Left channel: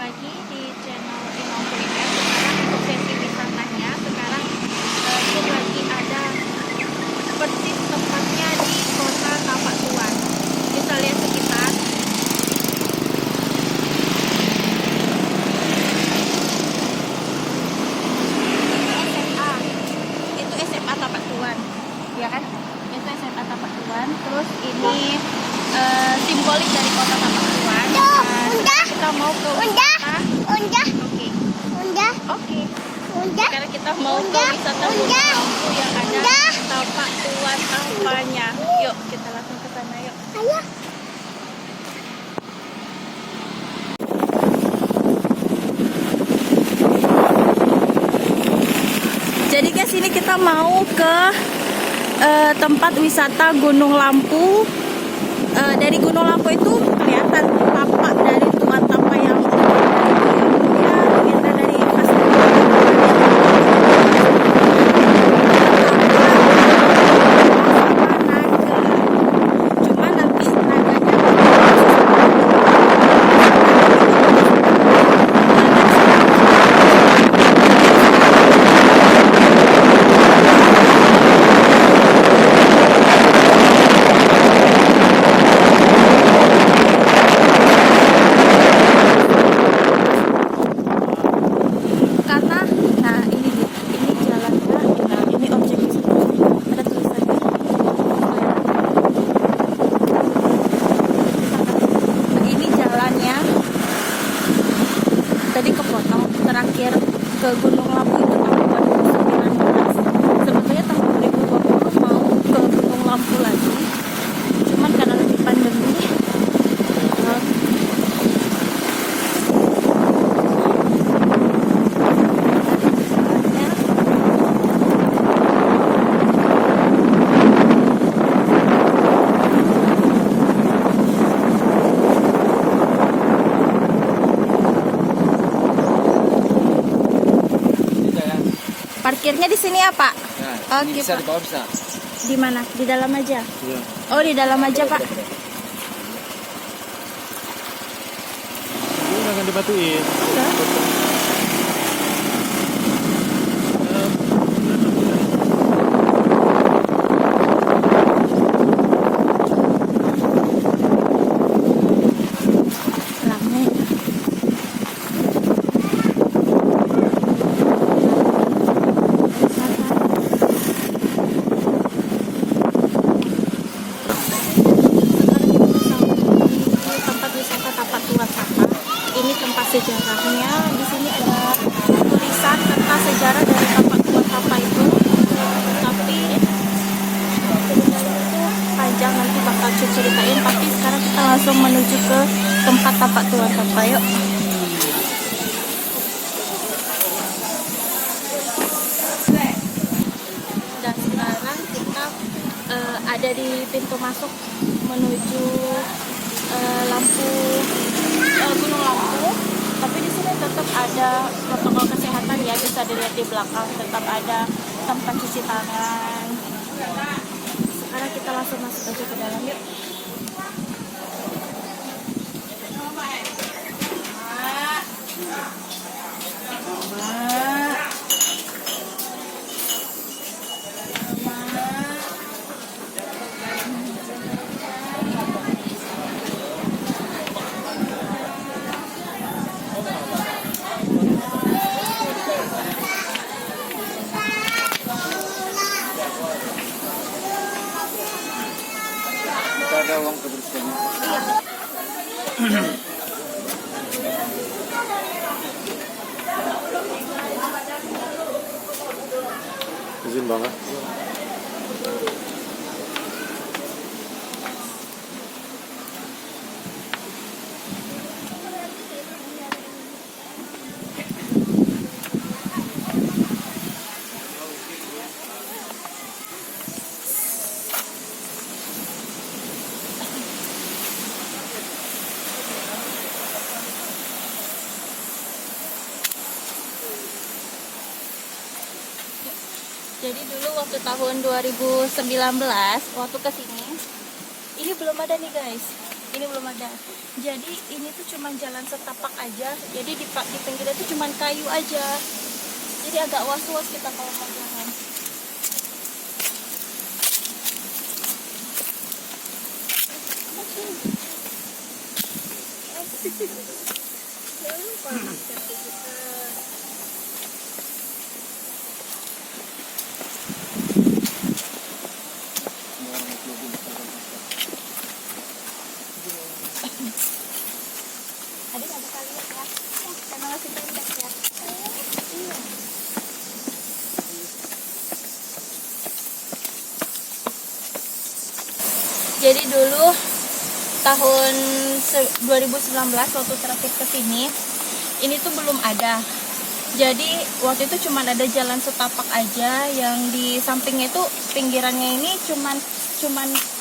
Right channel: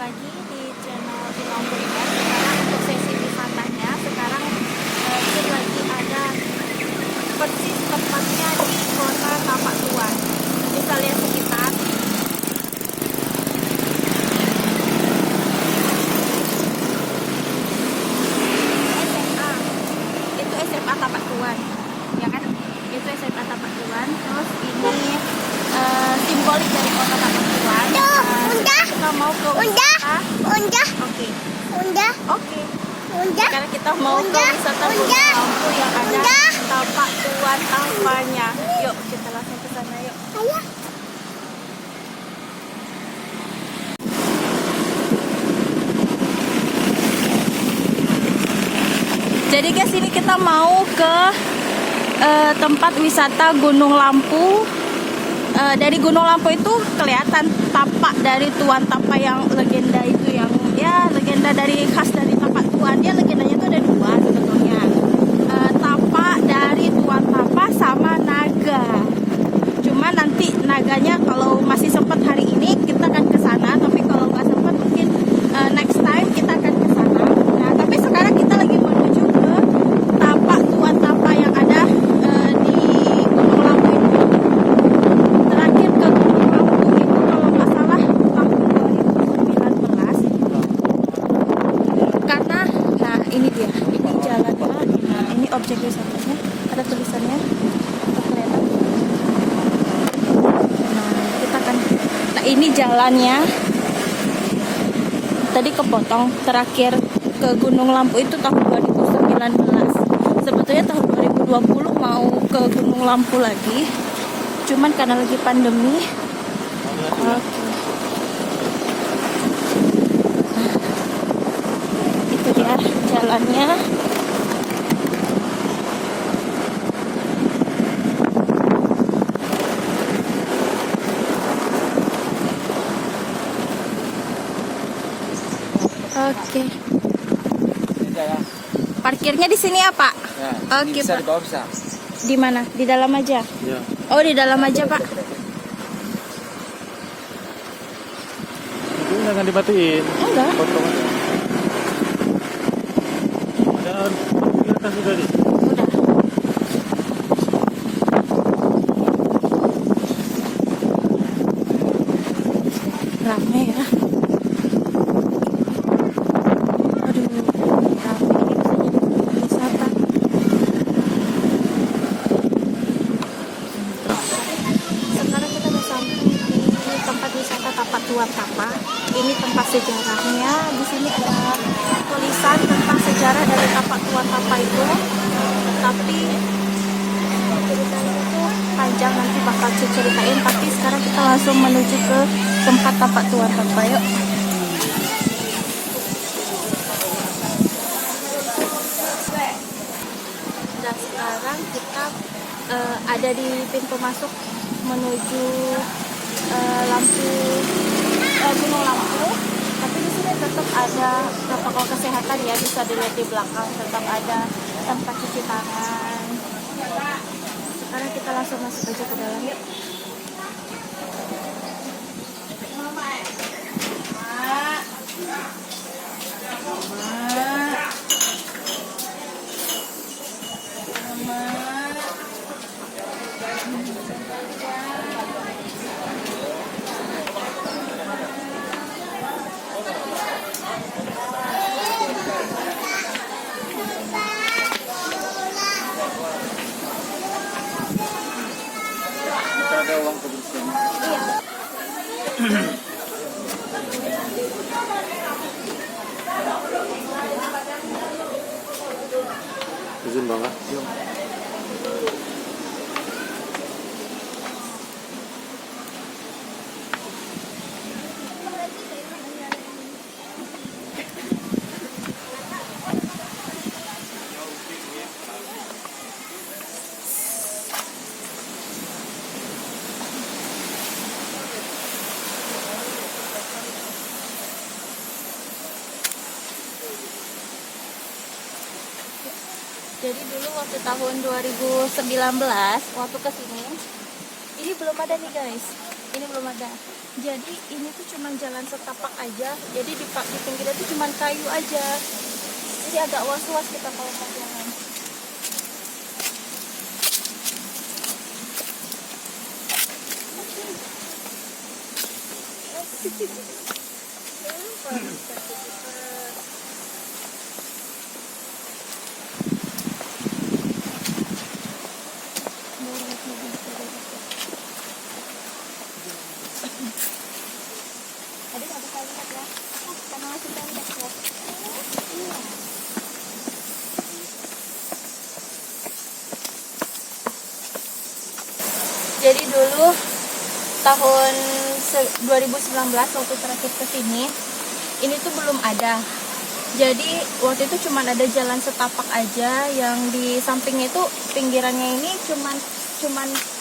lagi di channel Inau Kuliner. Sekarang untuk sesi wisatanya, sekarang ini lagi ada persis tempatnya di Kota Tapak Tuan. Bisa lihat sekitar. SMA, itu SMA Tapak Tuan, ya kan? Itu SMA Tapak Tuan. Terus ini simbolik dari Kota Tapak Tuan. Kita mau ke wisata. Oke. Sekarang kita mau ke wisata Gunung Lampu yang ada Tapak Tuan tampaknya. Yuk, kita langsung ke sana yuk. Ayo. Jadi guys, ini kita mau ke tempat wisata Gunung Lampu. Dari Gunung Lampu itu kelihatan tapak dari Tuan Tapak yang legenda itu, yang ya legenda dari khas dari tempatnya tapak dan tapak sama naga. Cuma nanti naganya masih sempat hari ini next time. Nah ini dia, ini jalannya, nah ini objek wisatanya, ada tulisannya. Kita akan, nah ini jalannya. Tadi kepotong, terakhir ke Gunung Lampu itu tahun 2019. Sebetulnya tahun 2020 mau ke Gunung Lampu lagi, cuman karena lagi pandemi. Jalannya oke. Parkirnya di sini ya Pak? Ya, Oke, bisa Pak. di bawah bisa. Di mana? Di dalam aja? Iya. Oh, di dalam aja Pak. Ini jangan dibatuin. Enggak. Ramai ya. Wisata. Sekarang kita udah sampai di tempat wisata Tapak Tuan Sapa. Ini tempat sejarahnya. Di sini ada tulisan tentang sejarah dari Tapak Tuan Sapa itu. Tapi ceritanya itu panjang, nanti bakal ceritain. Tapi sekarang kita langsung menuju ke tempat Tapak Tuan Sapa. Yuk. Dan sekarang kita ada di pintu masuk menuju Gunung Lampu. Tapi di sini tetap ada protokol kesehatan ya, bisa dilihat di belakang tetap ada tempat cuci tangan. Sekarang kita langsung masuk aja ke dalam yuk. Kita ada uang kebersihan. Iya. Izin banget. Jadi dulu waktu tahun 2019 waktu kesini, ini belum ada nih guys. Ini belum ada. Jadi ini tuh cuma jalan setapak aja. Jadi di pinggirnya tuh cuma kayu aja. Jadi agak was-was kita kalau mau jalan. Adik nggak bisa lihat ya, karena masih pendek ya. Iya. Jadi dulu tahun 2019 waktu terakhir ke sini, ini tuh belum ada. Jadi waktu itu cuma ada jalan setapak aja, yang di sampingnya itu pinggirannya ini cuman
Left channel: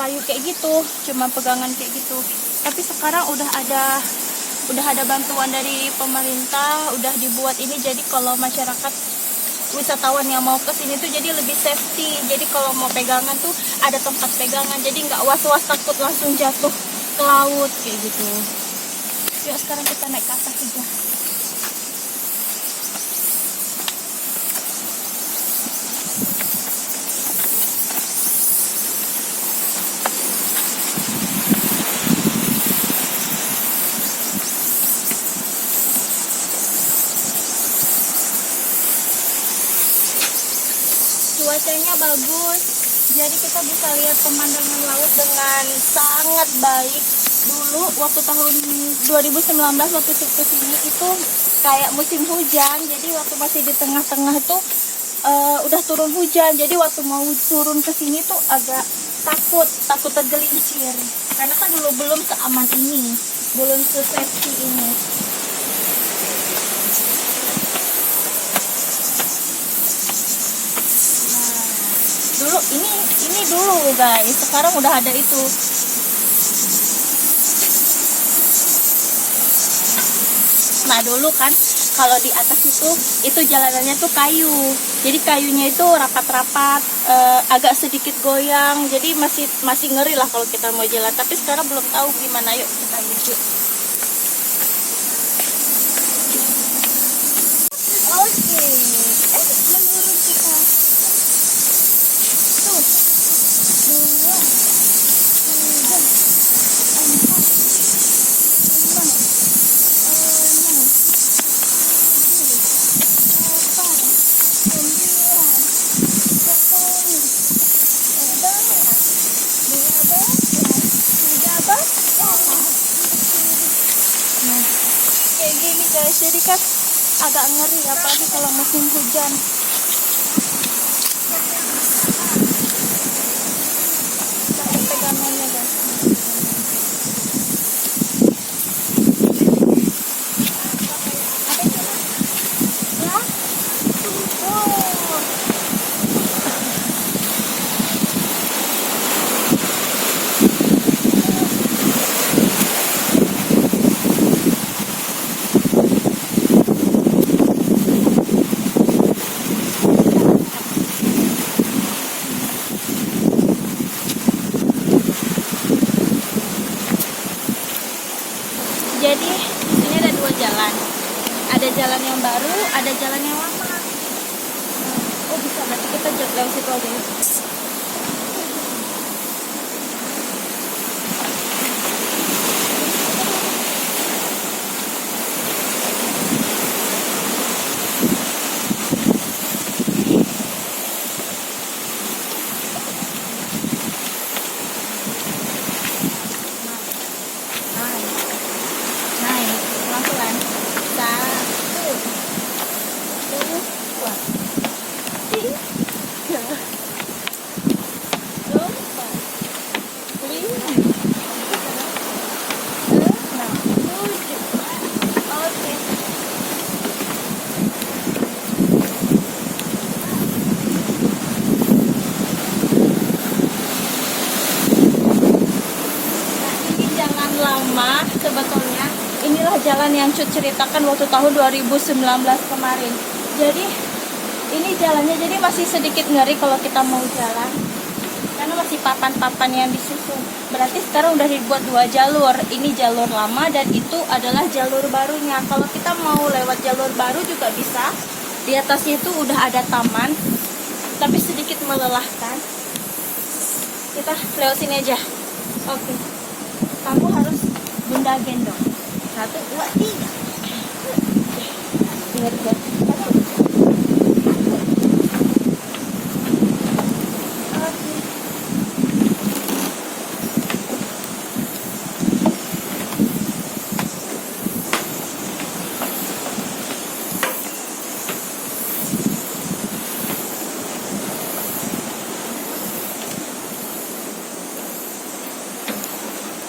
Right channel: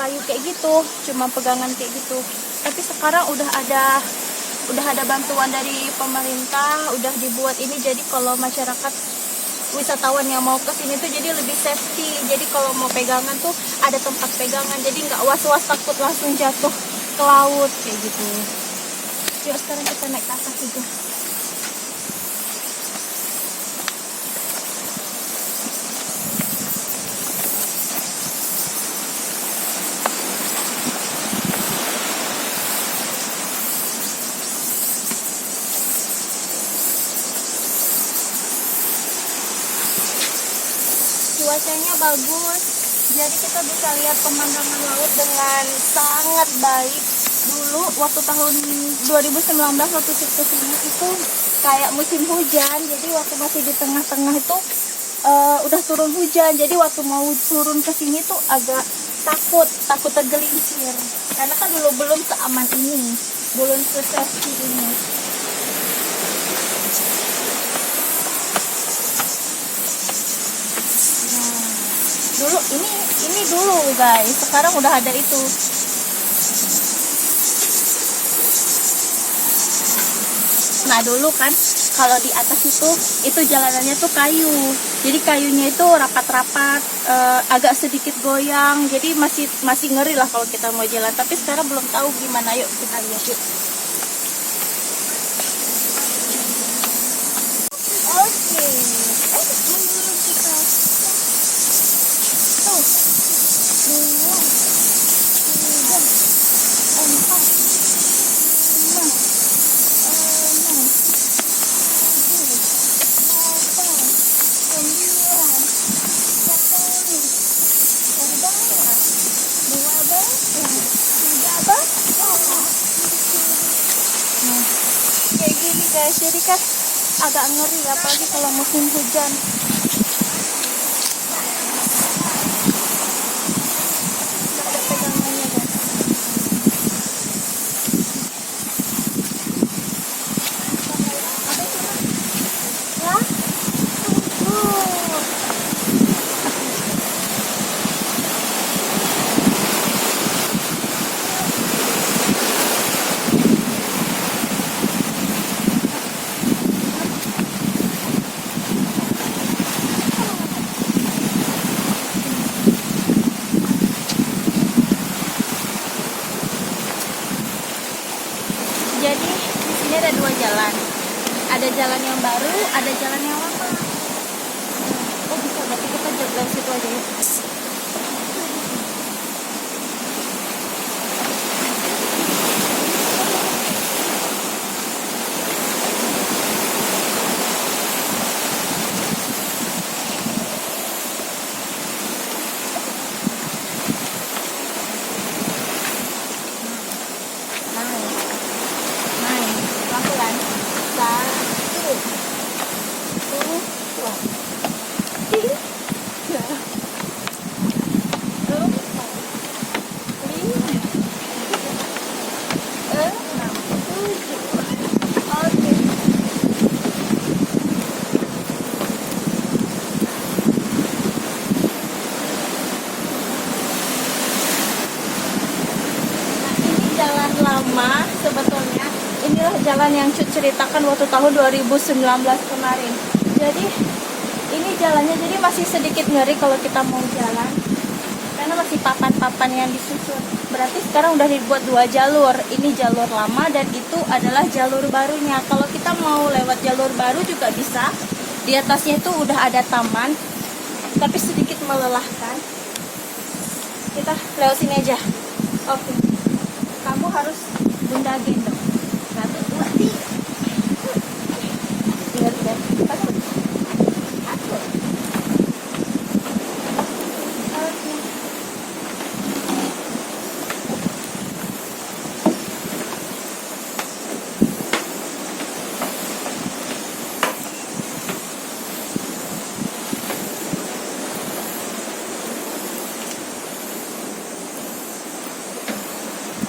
kayu kayak gitu, cuma pegangan kayak gitu. Tapi sekarang udah ada bantuan dari pemerintah, udah dibuat ini, jadi kalau masyarakat wisatawan yang mau ke sini tuh jadi lebih safety. Jadi kalau mau pegangan tuh ada tempat pegangan, jadi nggak was-was takut langsung jatuh ke laut kayak gitu. Yuk sekarang kita naik ke atas aja. Cuacanya bagus, jadi kita bisa lihat pemandangan laut dengan sangat baik. Dulu waktu tahun 2019 waktu ke sini itu kayak musim hujan, jadi waktu masih di tengah-tengah itu udah turun hujan. Jadi waktu mau turun ke sini tuh agak takut tergelincir, karena kan belum seaman ini, belum se-safety ini. Dulu ini dulu guys, sekarang udah ada itu. Nah dulu kan kalau di atas itu jalanannya tuh kayu, jadi kayunya itu rapat-rapat, agak sedikit goyang, jadi masih ngeri lah kalau kita mau jalan. Tapi sekarang belum tahu gimana, yuk kita lihat yuk. Oke, menurun kita. Tuh, 2, 3, 4, 5, 6, 7, 8, 9, 10, 11, 12, 13. Nah, kayak gini guys, jadi kan agak ngeri apalagi kalau musim hujan. Ada pegangannya guys. Apa itu? Ya? Oh. Jadi di sini ada 2 jalan. Ada jalan yang baru, ada jalan yang lama. Oh bisa, berarti kita lewat situ aja ya. Naik, pelan-pelan. 1, 2, 3, 4, 5, 6, 7. Oke. Nah, ini jalan lama sebetulnya. Inilah jalan yang Cut ceritakan waktu tahun 2019 kemarin. Jadi ini jalannya jadi masih sedikit ngeri kalau kita mau jalan, karena masih papan-papan yang disusun. Berarti sekarang udah dibuat 2 jalur. Ini jalur lama dan itu adalah jalur barunya. Kalau kita mau lewat jalur baru juga bisa. Di atasnya itu udah ada taman, tapi sedikit melelahkan. Kita lewat sini aja. Oke. Kamu harus Bunda gendong. 1, 2, 3. Ingat ya. Oke.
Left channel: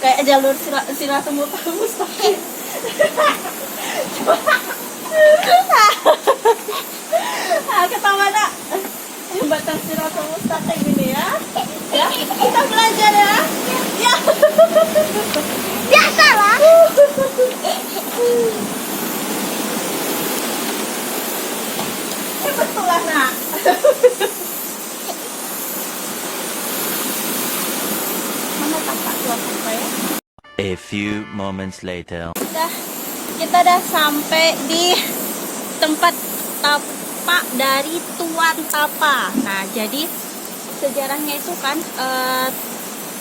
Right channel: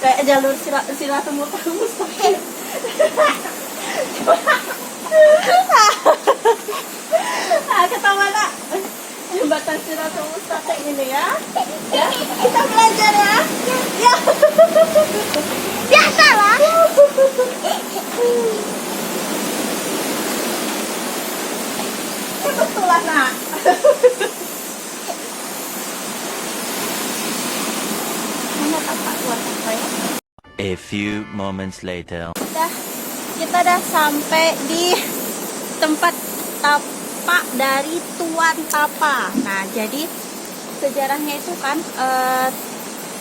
Kayak jalur Silatunggu Mustaqim. Ketawa nak. Jembatan Silatunggu Mustaqim ini ya. Ya, kita belajar ya. Ya. Biasa lah. Ini betul lah nak. Mana tapak buat apa ya? A few moments later. Kita udah sampai di tempat tapak dari Tuan Tapa. Nah, jadi sejarahnya itu kan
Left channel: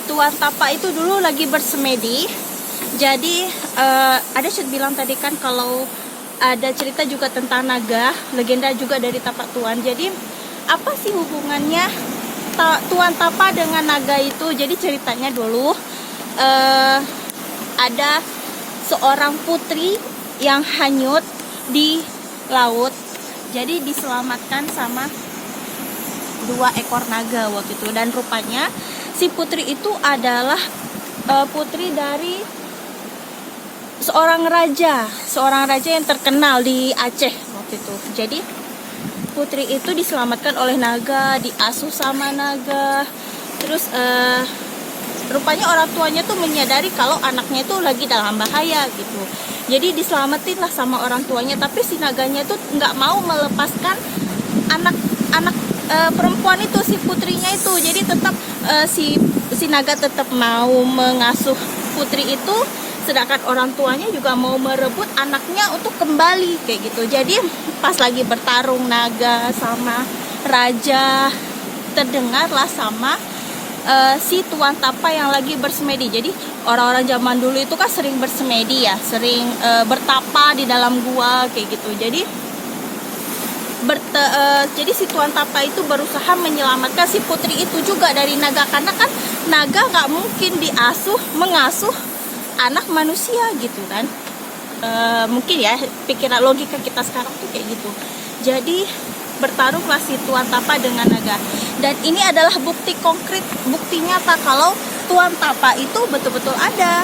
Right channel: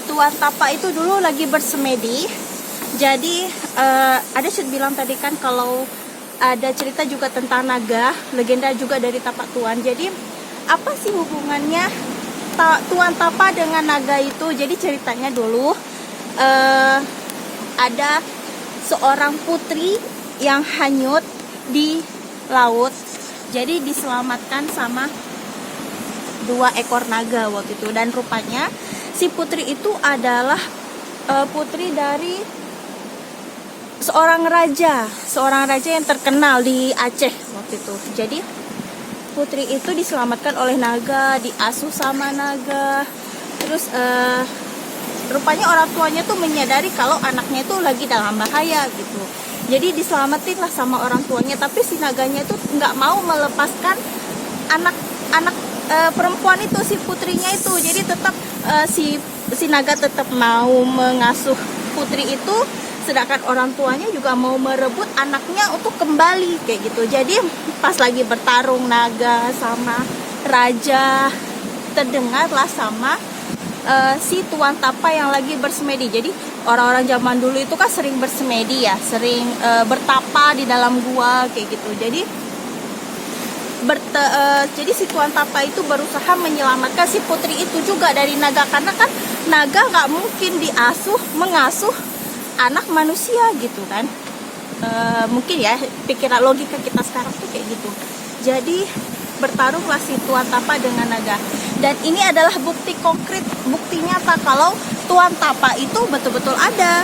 Tuan Tapa itu dulu lagi bersemedi. Jadi ada Syed bilang tadi kan kalau ada cerita juga tentang naga, legenda juga dari Tapak Tuan. Jadi apa sih hubungannya Tuan Tapa dengan naga itu? Jadi ceritanya dulu ada seorang putri yang hanyut di laut. Jadi diselamatkan sama 2 ekor naga waktu itu. Dan rupanya si putri itu adalah putri dari seorang raja yang terkenal di Aceh waktu itu. Jadi putri itu diselamatkan oleh naga, diasuh sama naga. Terus rupanya orang tuanya tuh menyadari kalau anaknya itu lagi dalam bahaya gitu. Jadi diselamatin lah sama orang tuanya. Tapi si naganya tuh nggak mau melepaskan anak perempuan itu, si putrinya itu. Jadi tetap si naga tetap mau mengasuh putri itu, sedangkan orang tuanya juga mau merebut anaknya untuk kembali kayak gitu. Jadi pas lagi bertarung naga sama raja, terdengarlah sama si Tuan Tapa yang lagi bersemedi. Jadi orang-orang zaman dulu itu kan sering bersemedi ya, sering bertapa di dalam gua kayak gitu. Jadi jadi si Tuan Tapa itu berusaha menyelamatkan si putri itu juga dari naga, karena kan naga nggak mungkin mengasuh anak manusia gitu kan. Mungkin ya pikiran logika kita sekarang tuh kayak gitu. Jadi bertarunglah si Tuan Tapa dengan naga. Dan ini adalah bukti konkret, bukti nyata kalau Tuan Tapa itu betul-betul ada.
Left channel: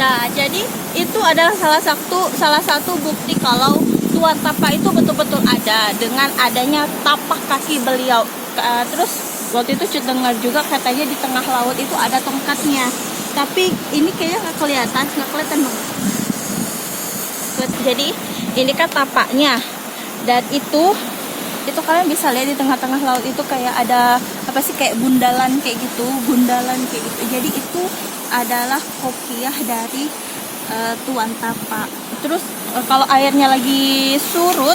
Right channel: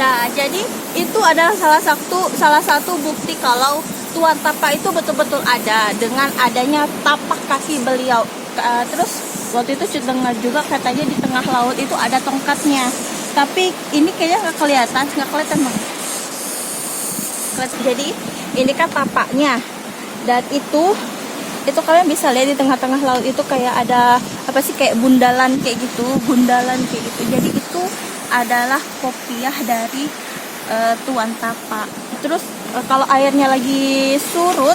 Nah, jadi itu adalah salah satu bukti kalau Tuan Tapa itu betul-betul ada dengan adanya tapak kaki beliau. Terus waktu itu Cut dengar juga katanya di tengah laut itu ada tongkatnya. Tapi ini kayaknya nggak kelihatan dong. Jadi ini kan tapaknya. Dan itu kalian bisa lihat di tengah-tengah laut itu kayak ada apa sih, kayak gundalan kayak gitu. Jadi itu adalah kopiah dari Tuan Tapa. Terus kalau airnya lagi surut,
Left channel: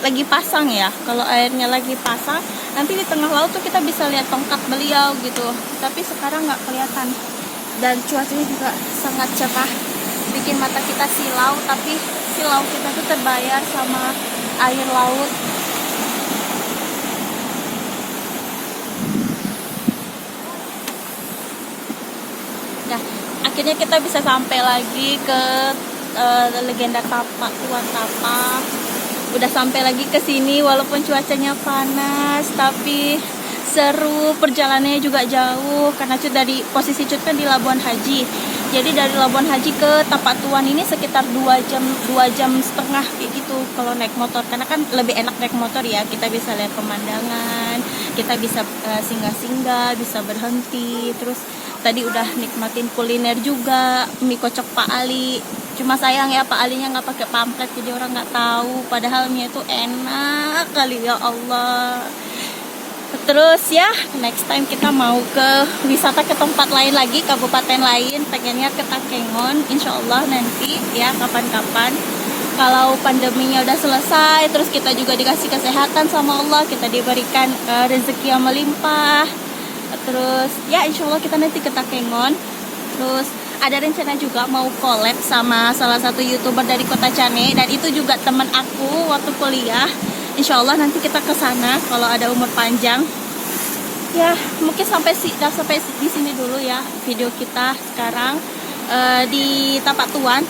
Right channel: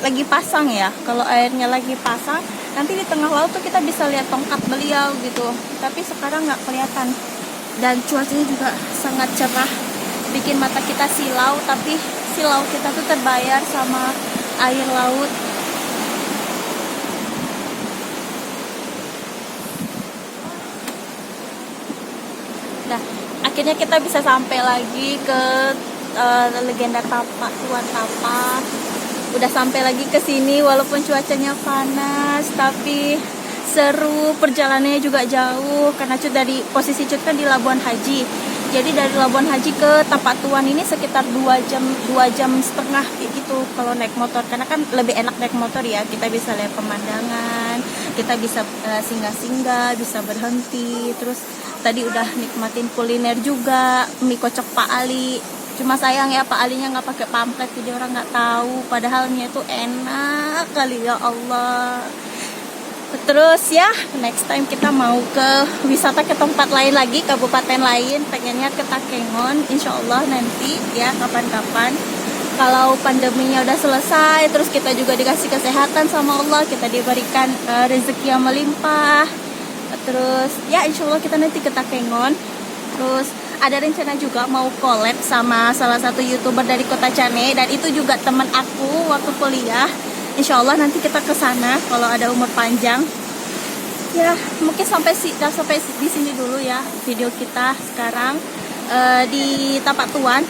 lagi pasang ya. Kalau airnya lagi pasang, nanti di tengah laut tuh kita bisa lihat tongkat beliau gitu. Tapi sekarang nggak kelihatan. Dan cuacanya juga sangat cerah, bikin mata kita silau. Tapi silau kita tuh terbayar sama air laut. Nah, akhirnya kita bisa sampai lagi ke legenda Tapa, Tuan Tapa. Udah sampai lagi ke sini walaupun cuacanya panas, tapi seru, perjalanannya juga jauh karena Cut dari posisi Cut kan di Labuan Haji. Jadi dari Labuan Haji ke Tapak Tuan ini sekitar 2 jam setengah kayak gitu kalau naik motor, karena kan lebih enak naik motor ya, kita bisa lihat pemandangan, kita bisa singgah-singgah, bisa berhenti. Terus tadi udah nikmatin kuliner juga, mie kocok Pak Ali. Cuma sayang ya Pak Alinya nggak pakai pamflet, jadi orang nggak tahu, padahal mie itu enak kali, ya Allah. Terus ya, next time kita mau ke wisata ke tempat lain lagi, kabupaten lain, pengennya ke Takengon, insya Allah nanti ya, kapan-kapan. Kalau pandeminya udah selesai, terus kita juga dikasih kesehatan sama Allah, kita diberikan rezeki yang melimpah. Terus ya insya Allah kita nanti ke Takengon. Terus ada rencana juga mau collab sama salah satu YouTuber dari Kota Cane, dan itu juga teman aku waktu kuliah. Insya Allah nanti kita ke sana kalau ada umur panjang. Ya, mungkin sampai di sini dulu ya video kita sekarang di Tapak Tuan.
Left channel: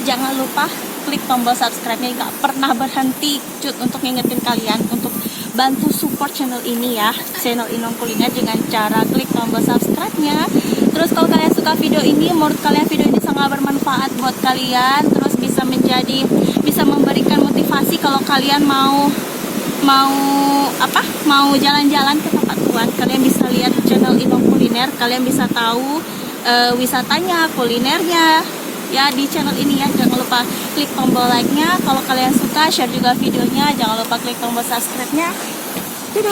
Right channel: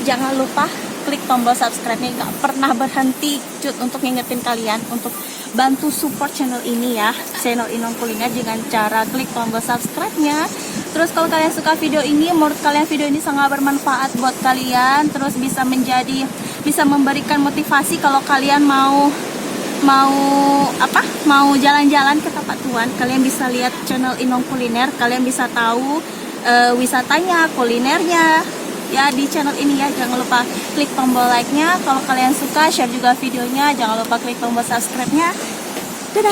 Jangan lupa klik tombol subscribe-nya, nggak pernah berhenti Cut, untuk ngingetin kalian untuk bantu support channel ini ya, channel Inong Kuliner, dengan cara klik tombol subscribe-nya. Terus kalau kalian suka video ini, menurut kalian video ini sangat bermanfaat buat kalian, terus bisa memberikan motivasi kalau kalian mau jalan-jalan ke Tapak Tuan, kalian bisa lihat channel Inong Kuliner, kalian bisa tahu wisatanya, kulinernya ya di channel ini ya. Jangan lupa klik tombol like-nya kalau kalian suka, share juga videonya, jangan lupa klik tombol subscribe-nya. Dadah.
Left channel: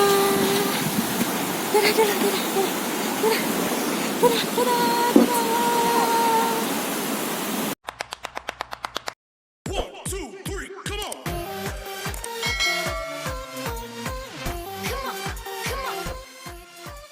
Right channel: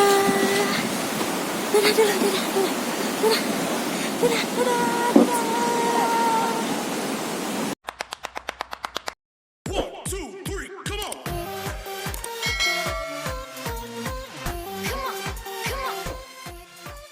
Dadah, dadah, dadah, dadah. Dadah, dadah, dadah. 1, 2